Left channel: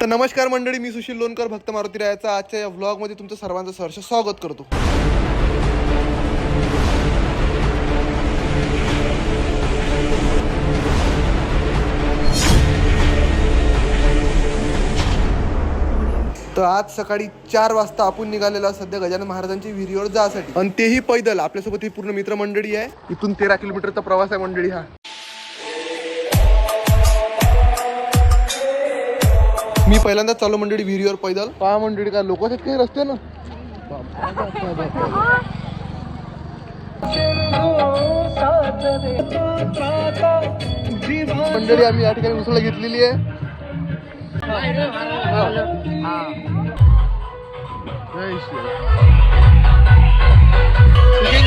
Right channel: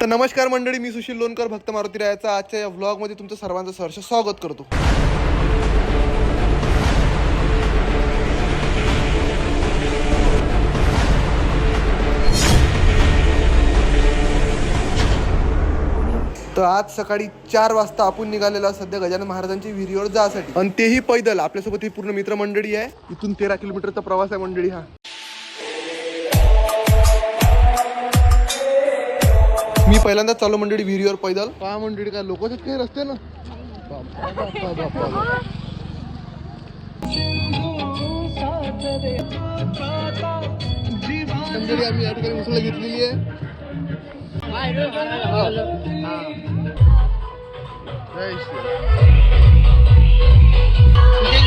तर नमस्कार मंडळी, मी सुशील लोणकर भक्त मारुती रायाचा आजच्या या व्लॉगमध्ये तुमचं सर्वांचं सहर्ष स्वागत करतो. तर आज सकाळी 4 वाजता आपण निघालेलो सध्या गजानन महाराजांची विहिरीवर जायसाठी, आणि तेही पैदल. आपल्यासोबत ही पूर्ण मित्रमंडळी आहे. इथून 13 किलोमीटरचा प्रवास आहे मंडळी हा. मी पहिल्यांदा चालू मंडळी विहिरीवर पैदल. पहा मंडळी, का लोक काही रस्ते ना. मंडळी आम्ही या ठिकाणी उसळ घेतलेली आहे.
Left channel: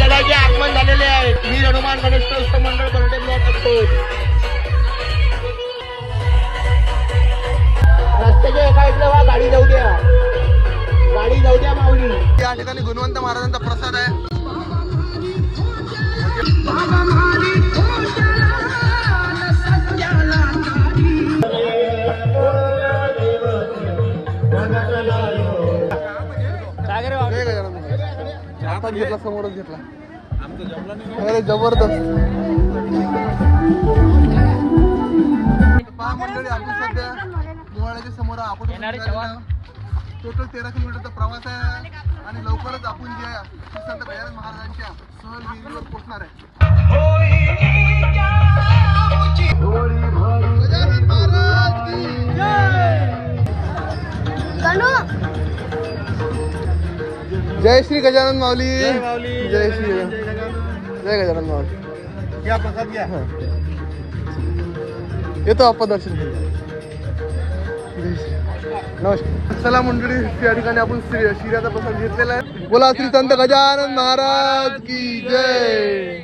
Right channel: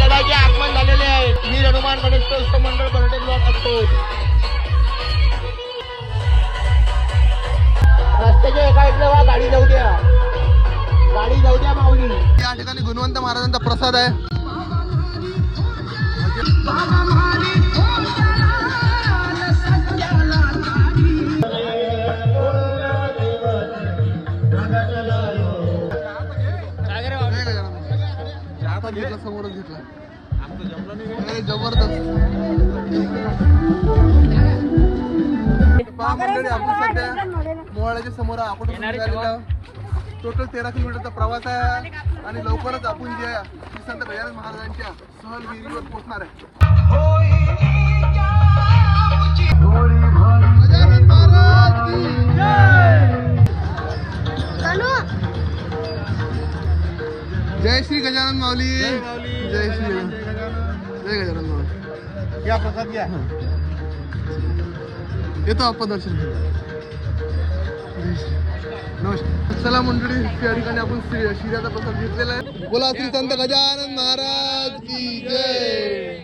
गडाचे आगमन झालेले आहे. मी हनुमान गणेश मंडळ बर्डे ब्लॉक असतो. रस्त्याच्या एका इकडे गाडी जाऊ द्या, गाडी जाऊ द्या माऊली. या ठिकाणी गुणवंत महाराजांचा प्रसाद आहे. हातात घेतला, समोरच घेतला. अरे जबरदस्त. पहा मंडळी, आपण सध्या मोहाळ्याच्या समोर आपण टोटल 13 किलोमीटरचा प्रवास आहे, आणि लवकरच आपण जे संत गजानन महाराजांच्या सहल विहिरीवर पोहोचणार आहे. गजानन महाराज की जय श्री गजानन माऊली. जय माऊली. जय श्री जय गजानन माऊली. या प्रसाद घ्या. येतो आपण दर्शन घेऊन. नमस्कार. चला मंडळी, या ठिकाणी आपण शिऱ्याचा प्रसाद घेतलेला आहे. बोला श्री संत गजानन महाराज की जय.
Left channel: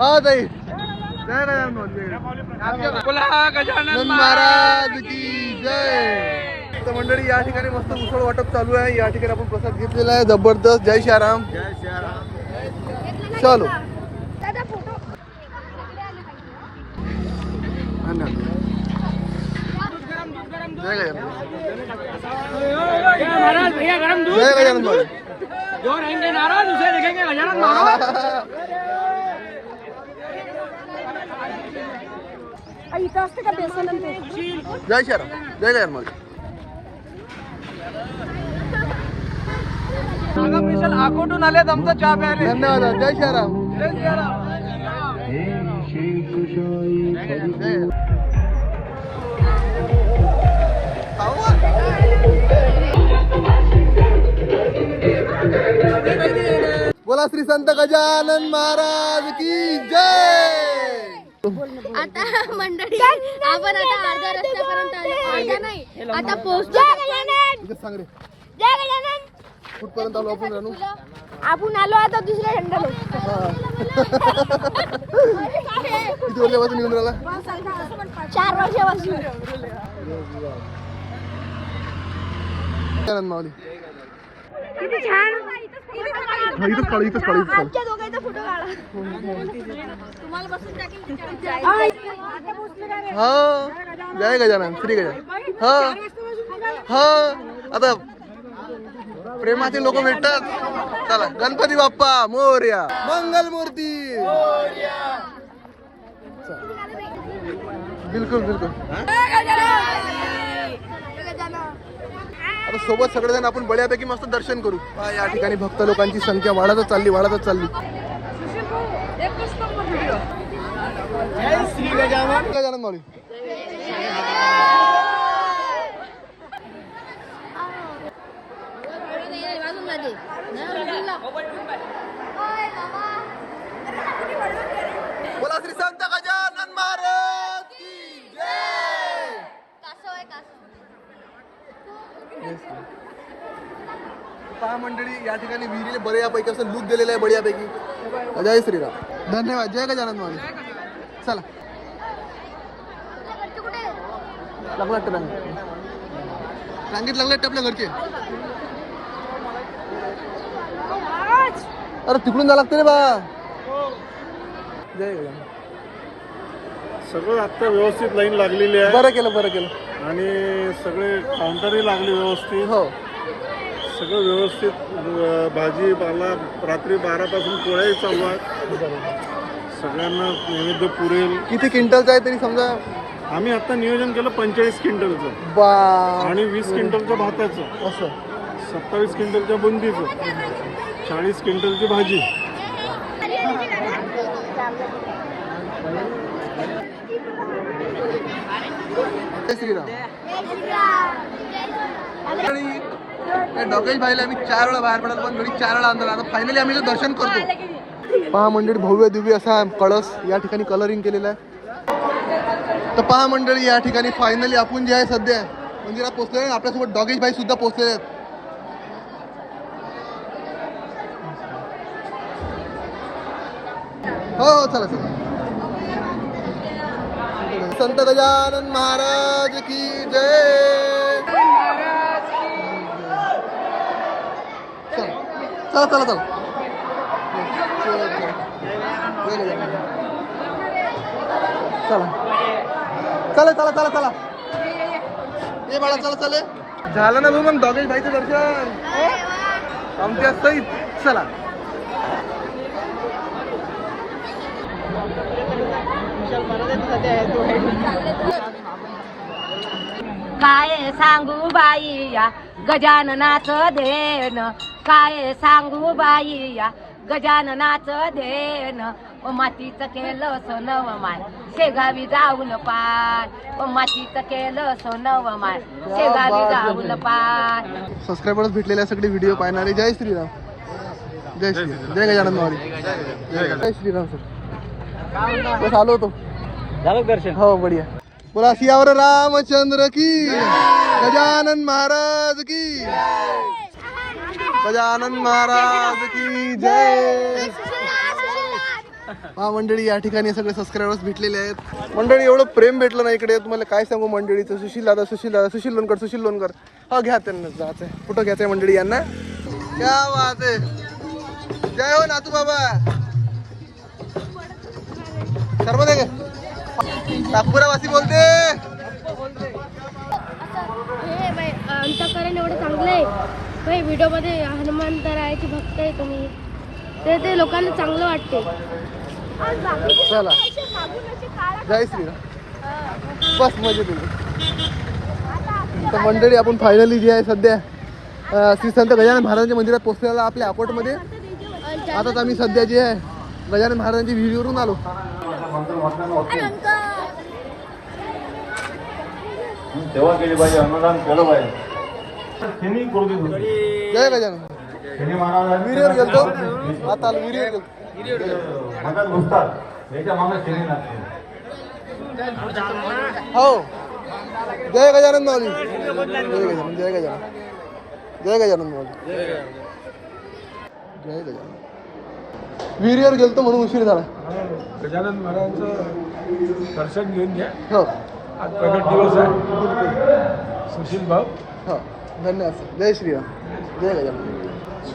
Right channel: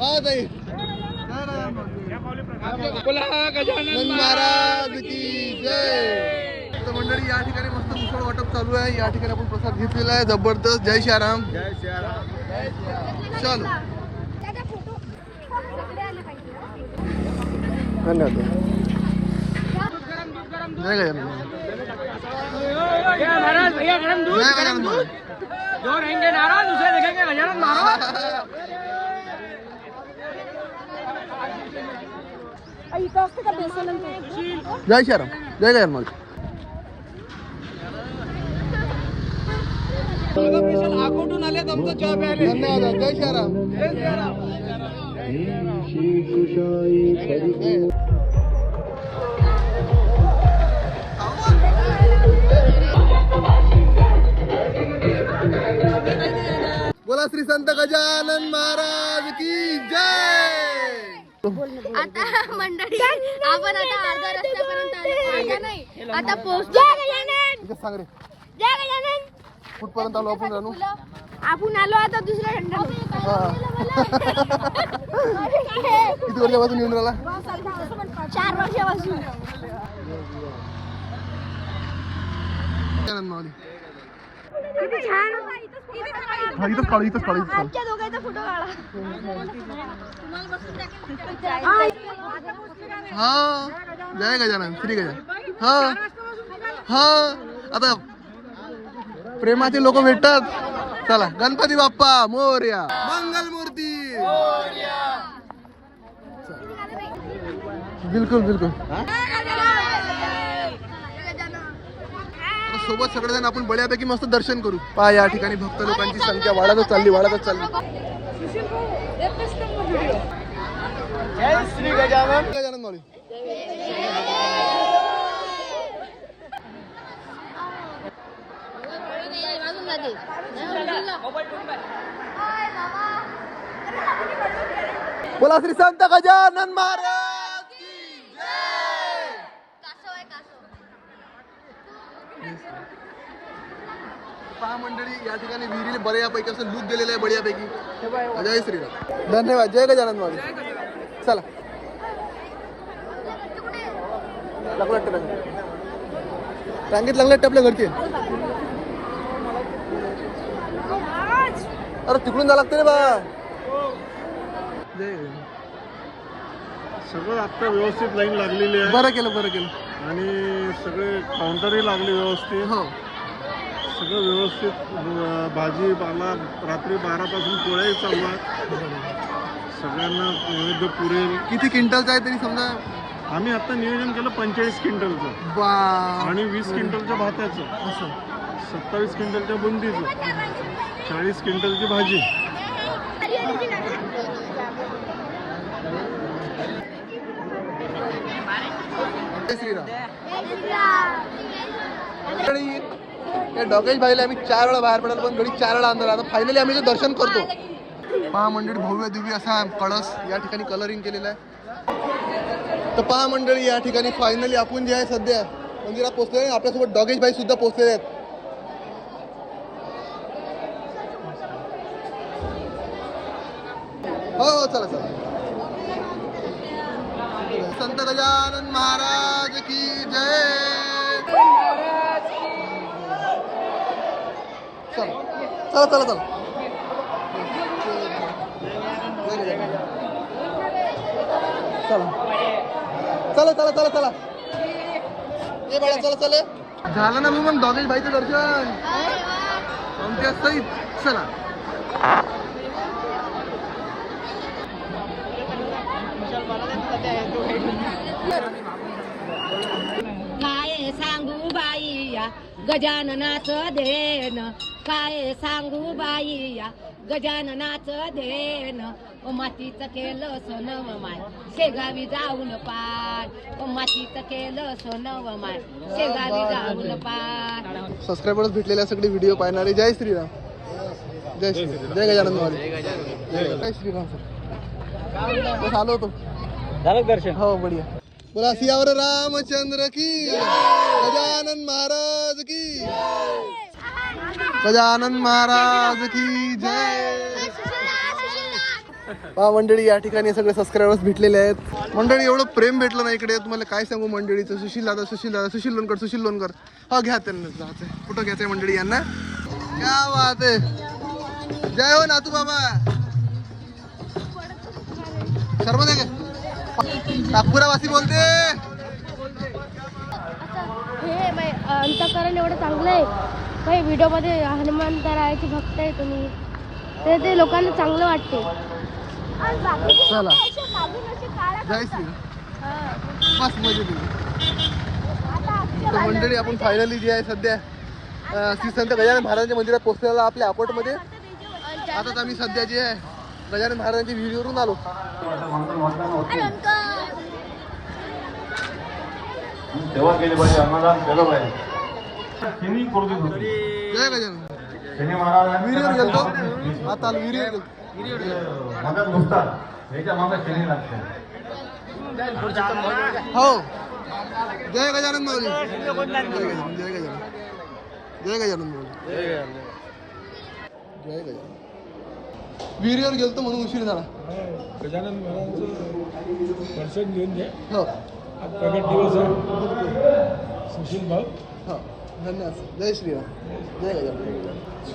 हा ताई, जय गजानन महाराज की जय. तर मंडळी, या ठिकाणी मस्त उसळ वाटप चालू आहे. या ठिकाणी आपण प्रसाद घेतलेला आहे. जबरदस्त. जय श्रीराम. जय श्रीराम. चलो, धन्यवाद. जय गजानन. जय गजानन. जो रहेंगे नाराज उसे देखेंगे गजानन महाराज. जय श्रीराम. जय गजानन महाराज. आकोटून आलेत, आमचा चहा प्यायले. धन्यवाद. जय श्रीराम. जय श्रीराम. बोला श्री संत गजानन महाराज की जय. आता मंडळी, आपण आता अर्ध्या रस्त्यापर्यंत आलो. आता पोहोचतो. सांग रे, जय गजानन. कुठपर्यंत आलो आपण? जाणू आपण आलो आता दुसऱ्या खंडाला. किती वर्षापासून येऊन राहिला? 4 वर्षापासून. माऊली किती छान. हा, इथंच काढू, इथंच काढू, इथंच काढू. आमच्या दोघांचा फोटो काढा. तुम्हाला बसून टाकेल. हा, जय गजानन. श्री गजानन. हा हा, आता प्रेमाचे लोक भेटतात. चला, गणपती बाप्पा मोरया. मंगल मूर्ती. बिलकुल बिलकुल. आता सोबत सगळेजण आपण बड्यापैकी मस्त दर्शन करू. पहा, या ठिकाणी भक्त लोकांची संख्या वाढतच चालली, वाढतच चालली. जय श्री गजानन. गजानन माऊली. बोला श्री संत गजानन महाराज की जय. पहा मंडळी, या ठिकाणी विहिरीला बऱ्यापैकी असं लुक दिलेलं आहे, बऱ्यापैकी. जय श्रीराम. धन्यवाद. जय गजानन माऊली. चला, लागला टांगेत लागला आपल्या घरचे. अरे तिकडून जा लागते रे बा. जय गजानन. सगळं आता व्यवस्थित लाईन लागलेली आहे बरं केलं आणि सगळे काउंटरही लागले व्यवस्थित. हो. सगळं व्यवस्थित. भाजीपाला रात्री 12 पासून पोळ्याही चालू आहेत. सगळ्यांना नैवेद्य पुरेल. किती क्विंटलचं आहे तरी समजा? आम्ही आता नियोजन केलं 45 क्विंटलचं बा आणि 20 क्विंटलच्या भाताचं, असं 27 क्विंटलच्या बुंदीचं, 40 क्विंटलची भाजी. डॉकेश भाईला आम्ही 4 वेळा बाहेर पडायला पण घरी 4 वेळा अंदर. आता फायनली आम्ही दर्शन करतो. पहा मंडळी, भव्य दिव्य असा कळस या ठिकाणी कलरिंग केलेला आहे. तर पहा मंडळी, या ठिकाणी फायनली आपण जे आहे सध्या मंदिरात पोहोचले. आपल्यासोबत डॉकेश भाई सुद्धा पोहोचलेले आहेत. हो चला चला. संत गजानन महाराज की जय. चला चला चला चला चला चला चला चला ये बाळा, चला चले. झालं ना भाऊ मग डॉगेश भाईचं दर्शन आमच्या सहित. चला. काय सांगू बाई या गजाननाचं देण, काय सांगू बाई या गजाननाचं देण. मातीचं केलं सोनव माय शेगावी जाऊन पाय, मातीचं केलं सोनव माय शेगावी जाऊन पाय. सबस्क्रायबर्स भेटलेल्या सगळे व्हिडिओ पाहणारे. जय श्रीराम. जय श्रीराम. जय गजानन माऊली. जय श्रीराम. बस आलो होतो. झालं दर्शन? हो बढिया. बोला सियावर रामचंद्र की, गजानन महाराज की, गजानन महाराज की जय. पहा मंडळी, या ठिकाणी सगळे सबस्क्रायबर्स भेटलेले आहेत. मंडळी एवढं प्रेम भेटलं ना इकडे, तुम्हाला काय सांगू मंडळीचं. सुशील दादा, सुशील लोणकर. हा घ्या त्यांना, जायचंय. कुठं घ्यायचंय मंडळी यांना. क्या बात आहे. जय हो नातू बाबा. सर्व दे नागपुरावासी बोलते. हे अंतकरण एवढं चांगलं आहे. भाई व्हिडिओमध्ये हनुमंतरायाची भक्त आहे तुम्ही, तर ते लोकांना चांगलं वाटते. चला. जय श्रीराम. बस मजा दिली. तर मंडळी, आपण फायनली जे आहे सध्या श्री संत गजानन महाराजांच्या मंदिरात पोहोचलेला आपल्या अपार्टमध्ये. आताच आम्ही सध्या जे आहे गजानन महाराजांची व्हिडिओवरून आलो. सेवा केली पाहिजे, अन्नदान केलं पाहिजे. जय गजानन. विहिरीवर गेलतो. आता आलो विहिरीवर गेलतो. हो. जय गजानन माऊली. जय गजानन. जय गजानन माऊली. जय गजानन. विहिरीवर गेलतो म्हणून उशीर झाला. गजानन महाराजांचं दर्शन घेऊन घ्या. हो आज प्रगट दिवस आहे. सुशील भाऊ. हो धन्यवाद. जय श्रीराम. जय गजानन.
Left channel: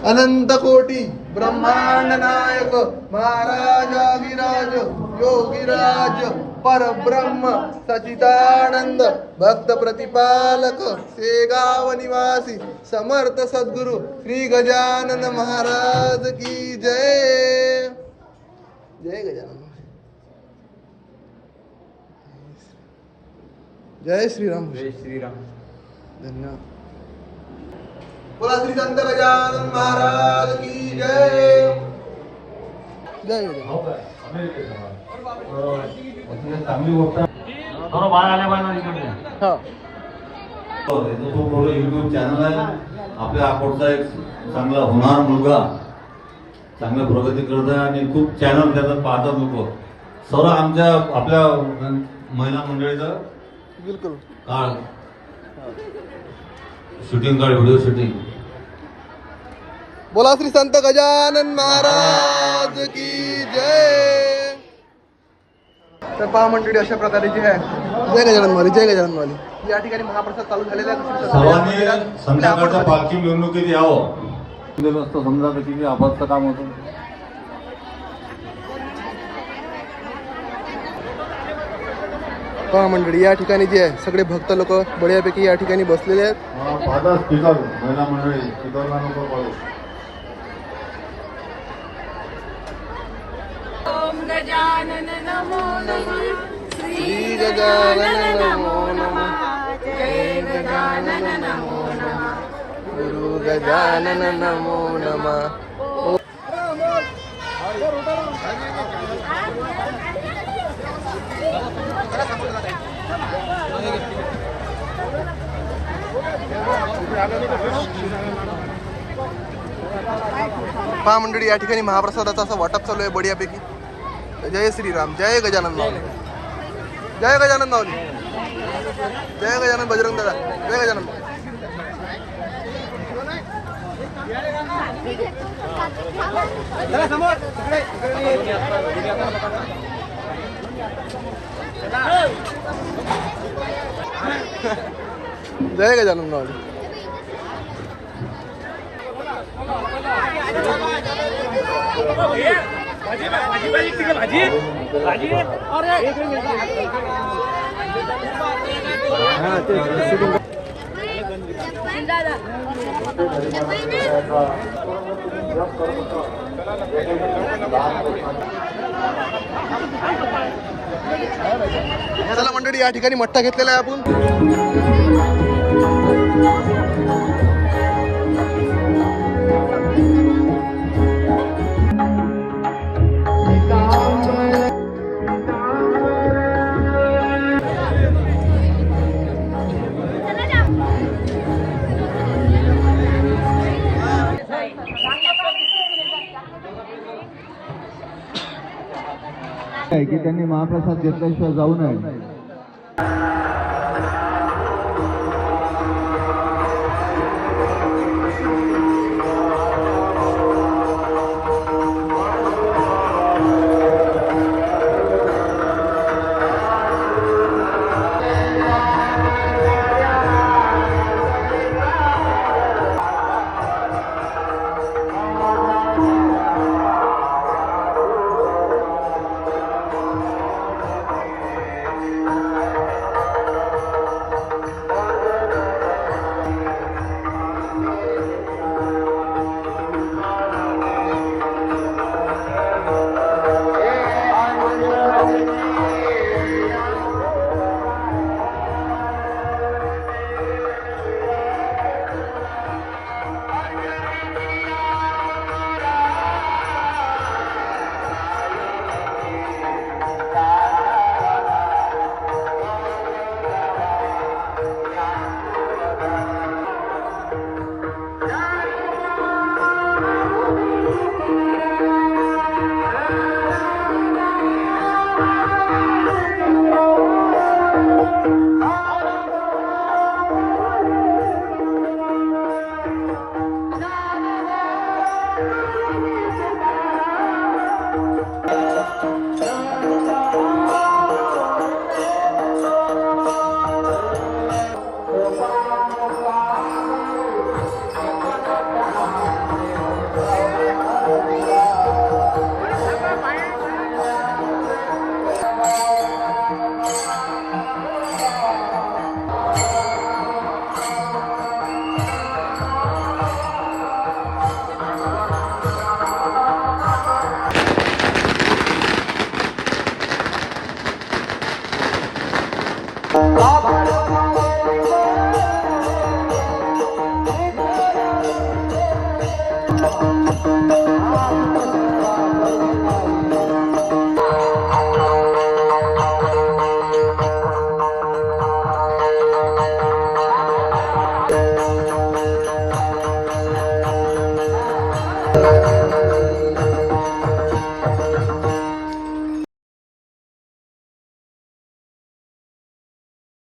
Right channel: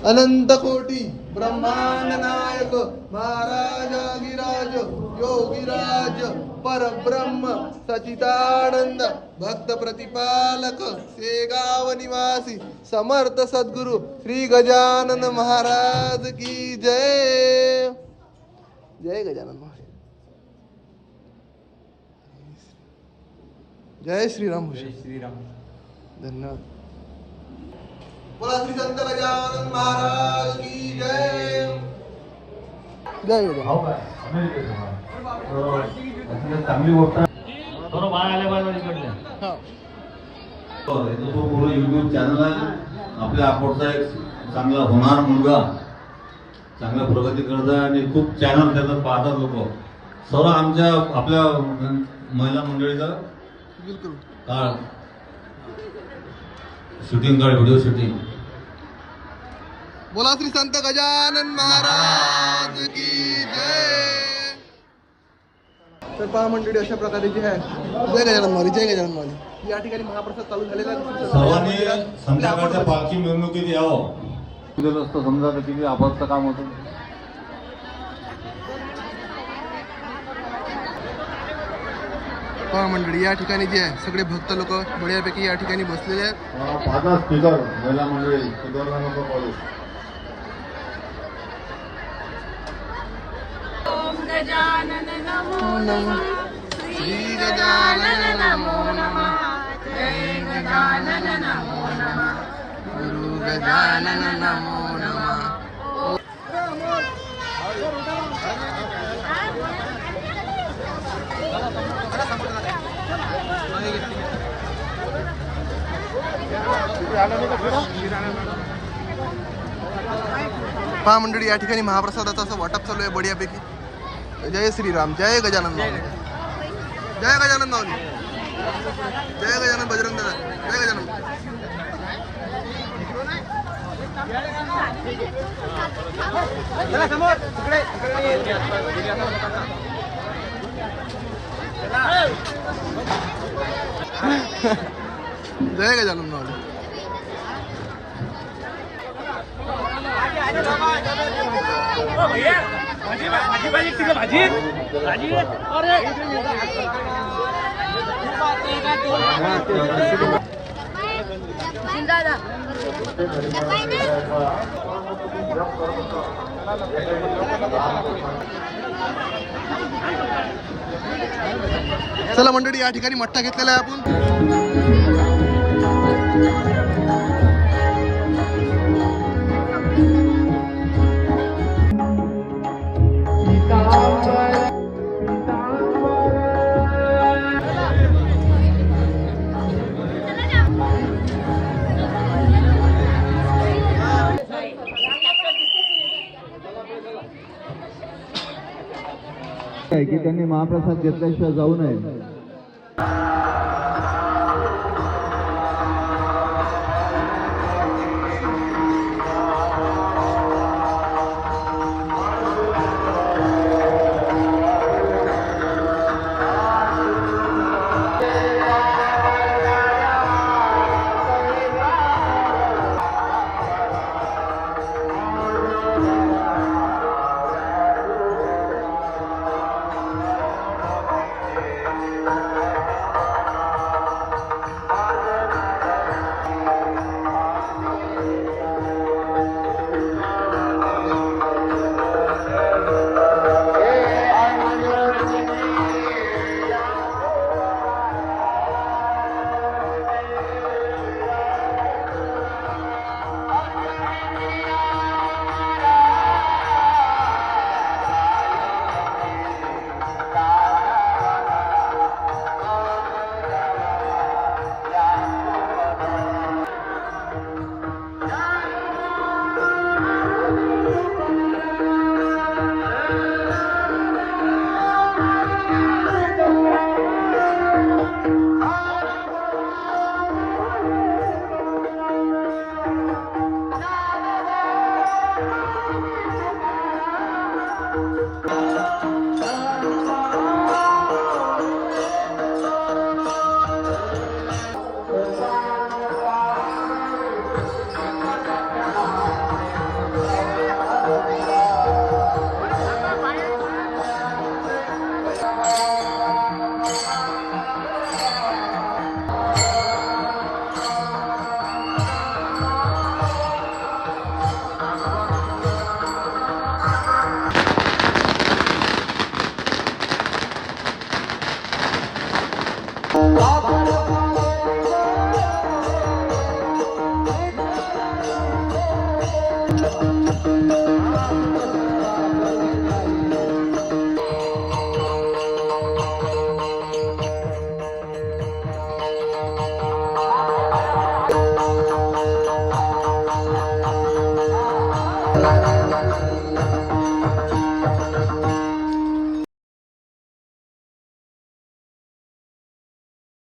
अनंत कोटी ब्रह्मांड नायक महाराजागिराज योगीराज परब्रह्म सचिदानंद भक्त प्रतिपालक शेगाव निवासी समर्थ सद्गुरु श्री गजानन महाराज की जय. जय गजानन. जय श्रीराम. जय श्रीराम. धन्यवाद. बोला श्री संत गजानन महाराज की जय. जय गजानन. चांगली गोष्ट. बाळ आल्या बाळा इकडे. हा युट्यूब चॅनल आहे आपल्या अकोटचा एक चांगला होणार मुलगा, चांगल्या प्रगती करत आहे आणि खूप चॅनल त्याच्यात पाहतात लोक. सर्व आमच्या आपल्या महिला मंडळीचं बिलकुल काळ शूटिंग काळ व्हिडिओ शूटिंग. बोला श्री संत गजानन महाराज की जय. तर पहा मंडळी, अशा प्रकारे जे आहे जय गजानन माऊली. जय गजानन माऊली. या ठिकाणी महाप्रसाद चालू झालेला आहे. श्री संत गजानन मंदिरात आपल्या संध्याकाळच्या अपार्टमध्ये. पालखी मिरवणुकीत यावं. समजा किती अपघात काम होतं. पहा मंडळी, या ठिकाणी जे आहे सगळे भक्त लोक बढियापैकी या ठिकाणी बसलेले आहेत. माझा स्पीकर महिला मंडळी स्पीकर नको पडू. गजानन नमो नमः श्री गजानन नमो नमः. जय गजानन नमो नमः. गुरु गजानन नमो नमः. पहा मंडळी, या ठिकाणी महाप्रसादाचा असं वाटप चालू आहे बढियापैकी. जय श्रीराम, जय गजानन माऊली, जय गजानन माऊली, जय गजानन बजरंग दादा, जय गजानन. जय गजानन माऊली. चला मंडळी, या ठिकाणी मठ्ठा घेतलेला आहे आपण. की त्यांनी महाप्रसाद घेतल्याशिवाय जाऊ नये.